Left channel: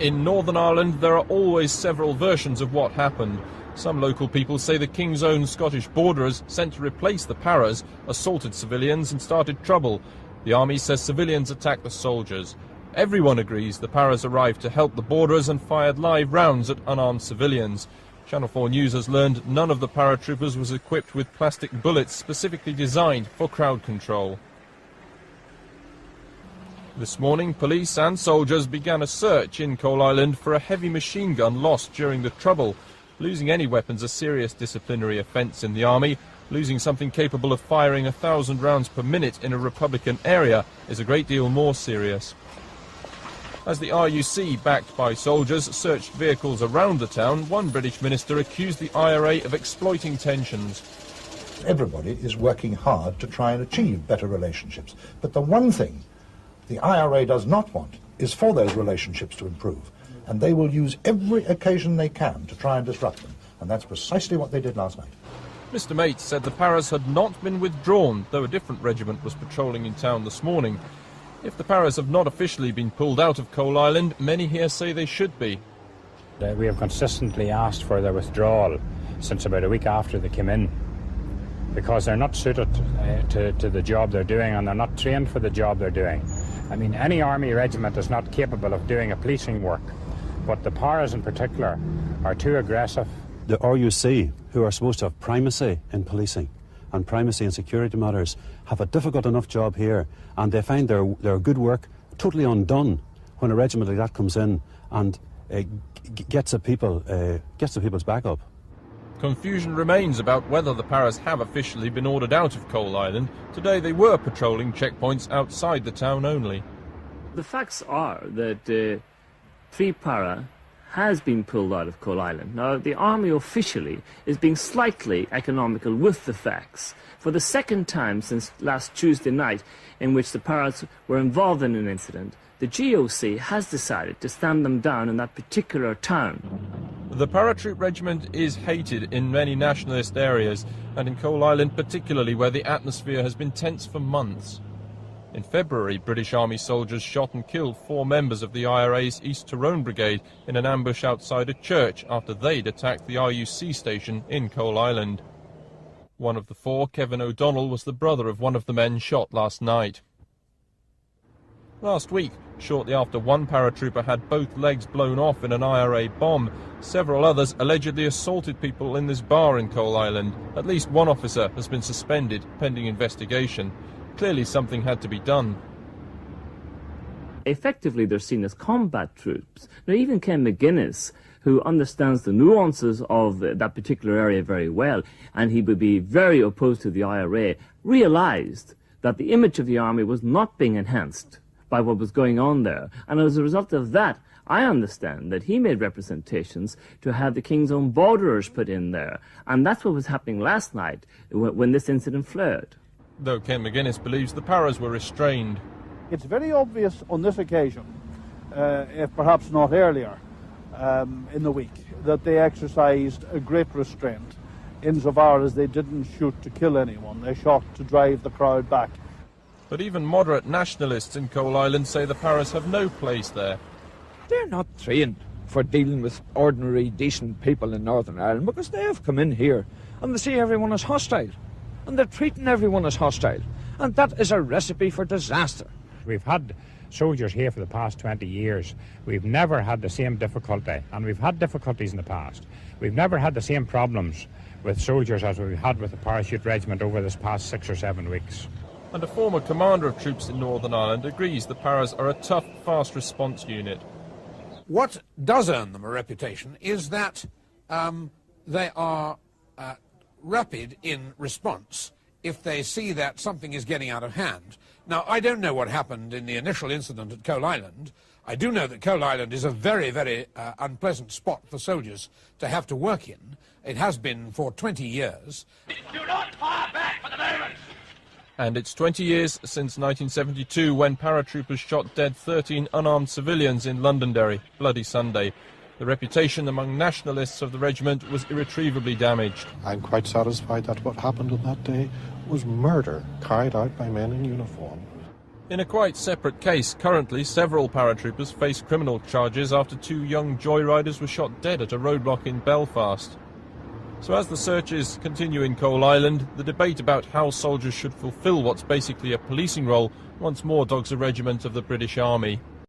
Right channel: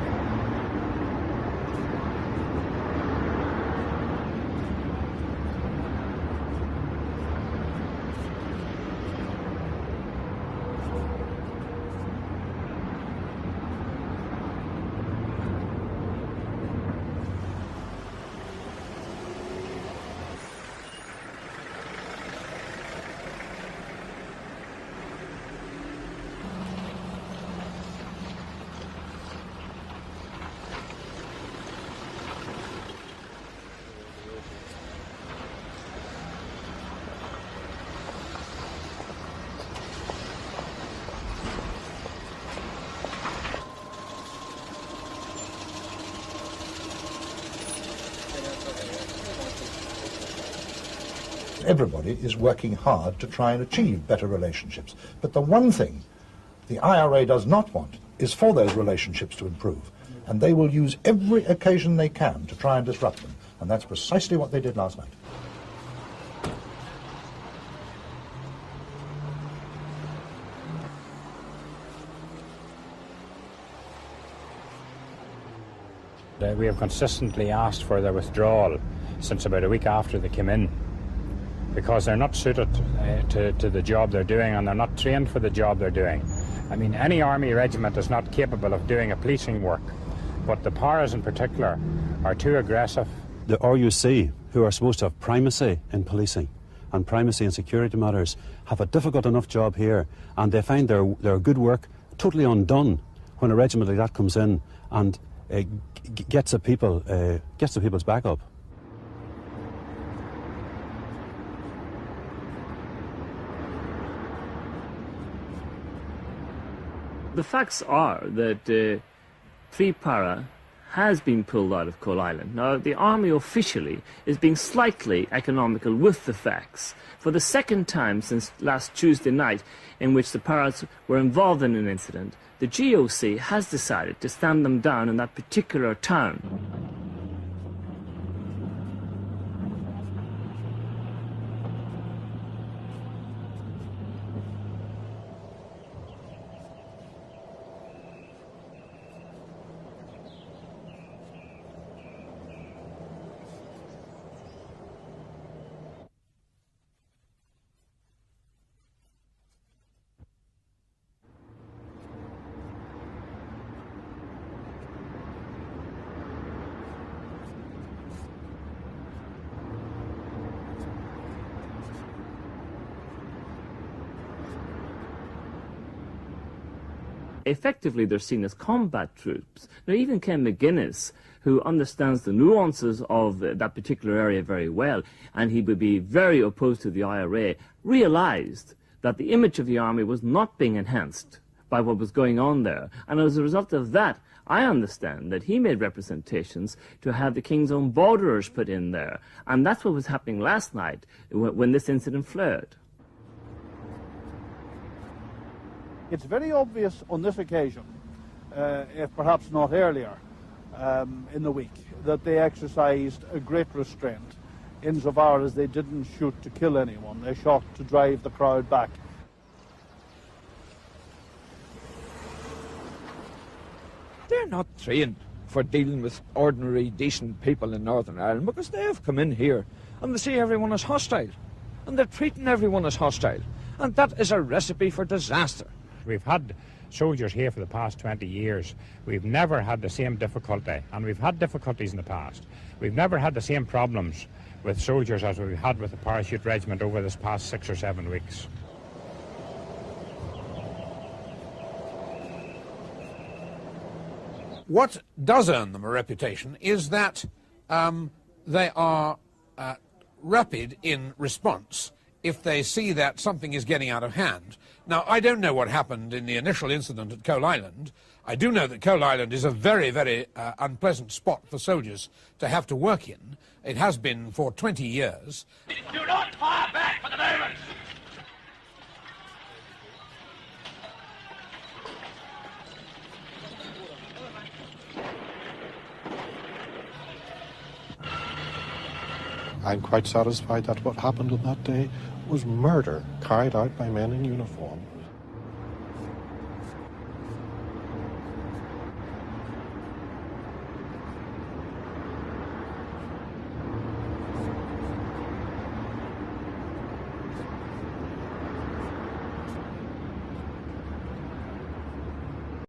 In Northern Ireland, there are always several versions of what happened. Some local people say the King's Own Scottish borderers sent to replace the paras assaulted civilians and started trouble. The army says civilians attacked the soldiers. Everyone agrees the paras arrived to help the borderers and fired live rounds at unarmed civilians. Channel 4 News has learned none of the paratroopers was equipped with plastic bullets specifically designed for crowd control. This morning, police and soldiers began a search in Coalisland for a heavy machine gun lost during the trouble. Losing any weapons a serious disciplinary offence in the army. Losing something capable of firing 1,000 rounds per minute in a Republican area is a great deal more serious. As the RUC, backed by soldiers, searched vehicles around the town, one British minister accused the IRA of exploiting tensions. Everybody is working hard to try and achieve better relationships. But the one thing the IRA does not want is for those relationships to improve. And they will use every occasion they can to try and disrupt them. And that's precisely what they did last night. Mr Mate said the paras had not been withdrawn, though a different regiment was patrolling in town this morning. If the paras have not officially been pulled out of Coalisland, many here say they should be. We have consistently asked for their withdrawal since about a week after they came in, because they're not suited to the job they're doing, and they're not trained for the job they're doing. I mean, any army regiment is not capable of doing a policing work, but the paras in particular are too aggressive. The RUC, who are supposed to have primacy in policing and primacy in security matters, have a difficult enough job here, and they find their good work totally undone when a regiment like that comes in and gets the people's back up. Confusion remains about whether the paras have officially been ordered out of Coalisland. Today they were patrolling checkpoints outside the town only. The facts are that 3 para has been pulled out of Coalisland. Now, the army officially is being slightly economical with the facts. For the second time since last Tuesday night, in which the paras were involved in an incident, the GOC has decided to stand them down in that particular town. The paratroop regiment is hated in many nationalist areas, and in Coalisland particularly, where the atmosphere has been tense for months. In February, British Army soldiers shot and killed 4 members of the IRA's East Tyrone Brigade in an ambush outside a church after they'd attacked the RUC station in Coalisland. One of the 4, Kevin O'Donnell, was the brother of one of the men shot last night. Last week, shortly after one paratrooper had both legs blown off in an IRA bomb, several others allegedly assaulted people in this bar in Coalisland. At least one officer has been suspended pending investigation. Clearly something had to be done. Effectively, they're seen as combat troops. Now, even Ken McGuinness, who understands the nuances of that particular area very well, and he would be very opposed to the IRA, realized that the image of the army was not being enhanced by what was going on there. And as a result of that, I understand that he made representations to have the King's Own borderers put in there. And that's what was happening last night when this incident flared. Though Ken McGuinness believes the paras were restrained. It's very obvious on this occasion, if perhaps not earlier in the week, that they exercised a great restraint insofar as they didn't shoot to kill anyone. They shot to drive the crowd back. But even moderate nationalists in Coalisland say the paras have no place there. They're not trained for dealing with ordinary, decent people in Northern Ireland, because they have come in here and they see everyone as hostile. And they're treating everyone as hostile. And that is a recipe for disaster. We've had soldiers here for the past 20 years. We've never had the same difficulty, and we've had difficulties in the past. We've never had the same problems with soldiers as we've had with the Parachute Regiment over this past 6 or 7 weeks. And a former commander of troops in Northern Ireland agrees the paras are a tough, fast response unit. What does earn them a reputation is that they are rapid in response if they see that something is getting out of hand. Now, I don't know what happened in the initial incident at Coalisland. I do know that Coalisland is a very, very unpleasant spot for soldiers to have to work in. It has been for 20 years. Do not fire back for the moment! And it's 20 years since 1972 when paratroopers shot dead 13 unarmed civilians in Londonderry, Bloody Sunday. The reputation among nationalists of the regiment was irretrievably damaged. I'm quite satisfied that what happened on that day was murder carried out by men in uniform. In a quite separate case, currently several paratroopers face criminal charges after 2 young joyriders were shot dead at a roadblock in Belfast. So as the searches continue in Coal Island, the debate about how soldiers should fulfil what's basically a policing role once more dogs a regiment of the British Army.